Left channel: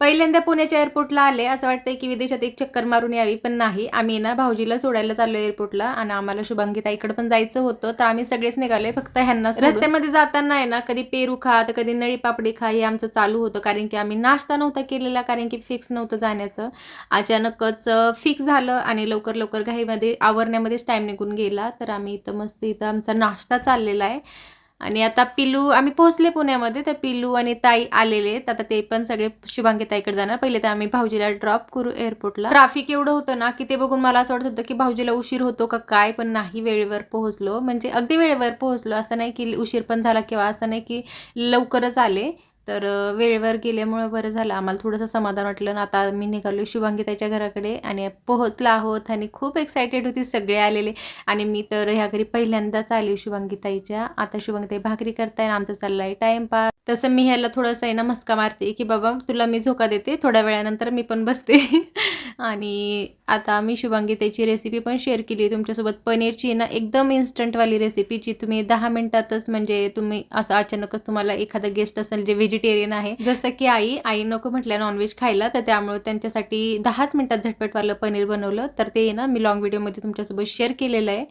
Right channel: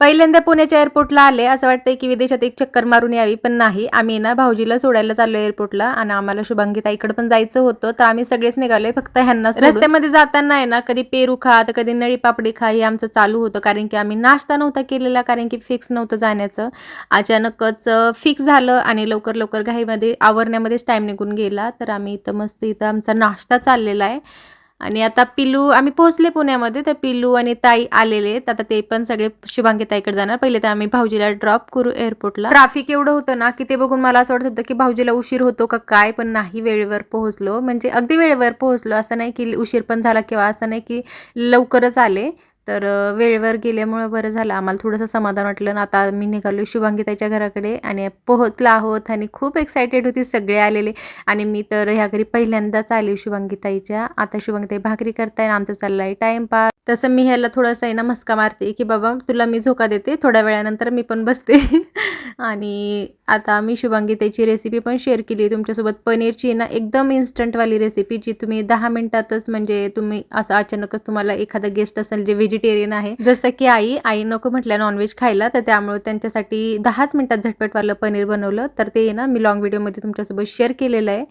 पहिल्यांदा पुण्याच्या एअरपोर्टला आले. असं वाटतंय की विदेशात एक चक्कर मारून यावी, पण नाही. आम्ही ना भाऊजीला सोडायला चाललो एअरपोर्टला आणि आम्हाला शुभांगी ताईकडे पण जायचं होतं. तर आम्ही सगळेच निघालोय फक्त ह्यांना सोडून. रस्त्यामध्ये जाताना आहे ना, कधी पेरू खा, तर कधी नळी पापडी खा हे आमचं चालू होतं. कारण की आम्ही नाश्ता नव्हता केलेला, कारण की फिक्स नव्हतं जाण्याचं. अचानकच फिक्स झालं आणि लवकर घाईमध्ये आवरण्यामध्येच टाईम निघून गेला. तर आम्ही इथं मस्त इथं आमचा नाश्ता चाललेला आहे. आणि आता पिलू आम्ही पोहोचले पुण्यामध्ये. तर पिलू आणि ताई आलेले आहेत. आता ते पण सगळे शुभांगी ताईकडे जाणार. पहिले तर आम्ही भाऊजीला ड्रॉप करू एअरपोर्टला. ट्रॅफिक एवढं होतं ना, की ते बघून मला असं वाटत होतं, की भाऊजीला उशीर होतो का काय? पण नाही, वेळेवर पोहोचलो. म्हणजे अगदी वेळेवर पोहोचलो. असं नाही की उशीर पण झाला किंवा असं नाही की लवकरच आले. तर वेळेवर गेल्यामुळं बरं झालं. आम्हाला थोडंसं समाधान वाटलं आणि आता मी निघालो शुभांगी ताईच्या घराकडे आणि पोहोचलो आहोत आणि खूप एक्सायटेड होती, सगळे आलेले. आणि मी तर ह्या घरी पहिल्यांदाच आली शुभांगी ताईच्या. आता शुभांगी ताई भाकरी करताय, आमचा चाललाय टाइमपास. तसं मी ह्याला थोडंसं आहे ना मस्का मारते, की बाबा तुला मी झोका देते, थोड्या वेळानंतर मी पण बसते. आणि आता मी शुभांगी ताईची रेसिपी पण शेअर केली तुमच्यासोबत. पनीरची ना एकदम इन्स्टंटवाली रेसिपी, जी तुम्ही 10 मिनिटातच, म्हणजे तुम्ही असं अचानकच तुम्हाला एखादा गेस्ट असेल जे व्हेजिटेरियन आहे, जसं की आई नको म्हटल्या नॉनव्हेज खायला, तर त्यामुळे त्यांच्यासाठी 10च मिनिटात झटपटवालं पनीर बनवलं. तर ते ना मी लॉंग व्हिडिओमध्ये तुमच्यासोबत शेअर केलेलं आहे.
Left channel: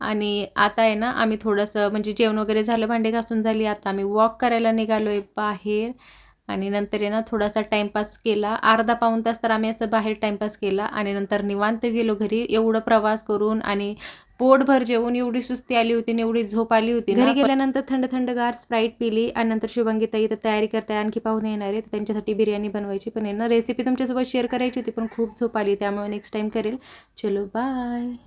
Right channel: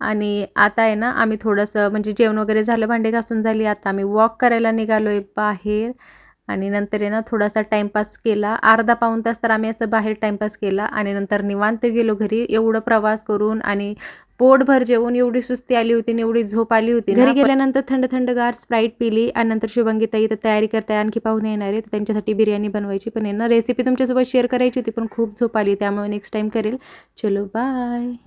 आणि आता आहे ना आम्ही थोडंसं म्हणजे जेवण वगैरे झालं, भांडी घासून झाली. आता आम्ही वॉक करायला निघालोय बाहेर आणि नंतर आहे ना थोडासा टाईमपास केला. अर्धा पाऊण तास तर आम्ही असं बाहेर टाईमपास केला आणि नंतर निवांत गेलो घरी. एवढं प्रवास करून आणि पोटभर जेवून एवढी सुस्ती आली होती आणि एवढी झोप आली होती ना. घरी गेल्यानंतर थंडगार स्प्राईट पिली आणि नंतर शुभांगी ताई तर तयारी करताय, आणखी पाहुणे येणार आहेत, त्यांच्यासाठी बिर्याणी बनवायची. पण आहे ना रेसिपी तुमच्यासोबत शेअर करायची होती, पण खूप झोप आली, त्यामुळे नेक्स्ट टाईम करेल. चलो बाय.